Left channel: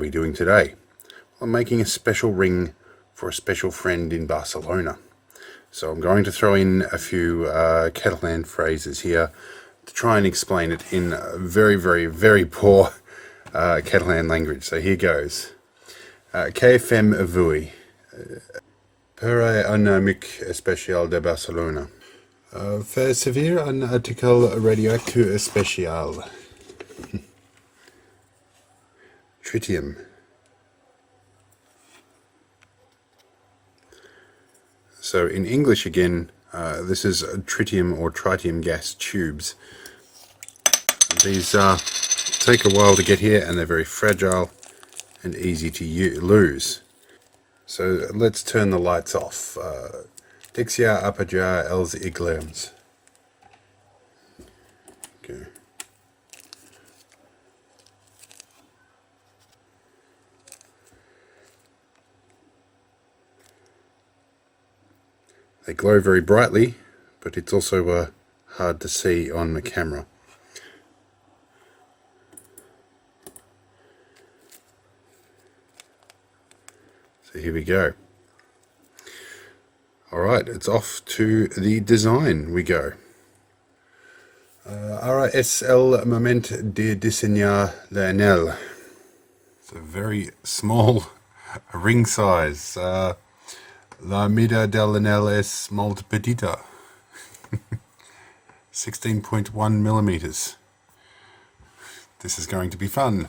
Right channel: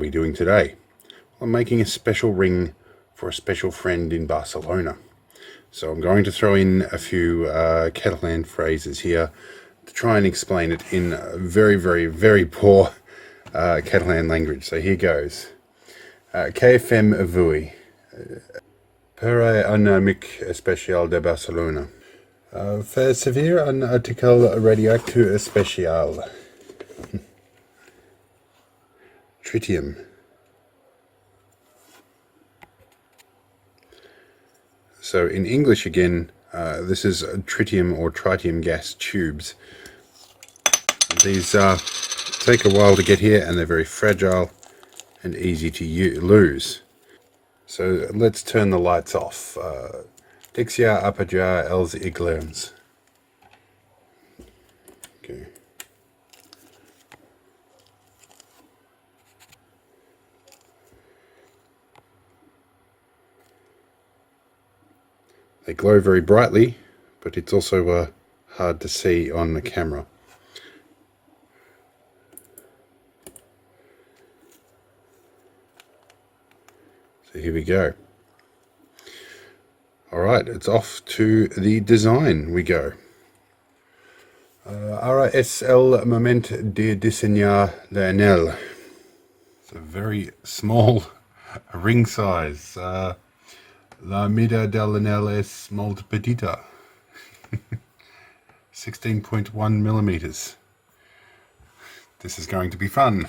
we doing today? Well, I'm making a special ring for a special friend in Barcelona. So I'm going to throw in a few Catalan phrases here to try and explain it in a very, very, very poor Catalan language. So here goes. Que fem avui? Per un amic especial de Barcelona. Fer servir un article radioactiu especial. Tritium. So in English again, this is tritium or tritium gas tubes. These take a while to get here and they're very fragile and easy to lose. So let's turn the lights off. Dixia apagar els llums. Okay. They glow very brightly, but it's also hard to see on the camera. So here we go. Alright, it's off to the design we go. Ara es el momento de diseñar l'anel. It's a very small ring size. La mida del anel es molt petita. 16.1 millimeters. This is going to be fun.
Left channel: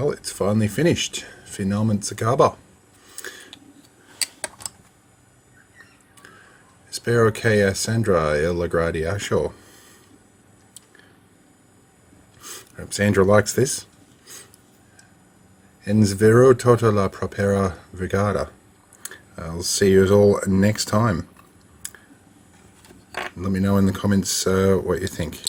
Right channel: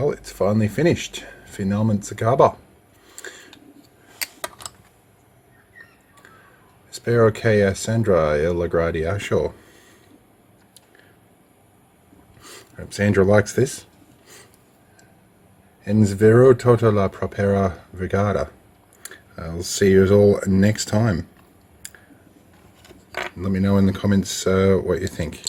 Well, it's finally finished. Finalmente se acaba. Espero que a Sandra el agrade asho. Hope Sandra likes this. Ens vero tota la propera vegada. I'll see you all next time. Let me know in the comments what you think.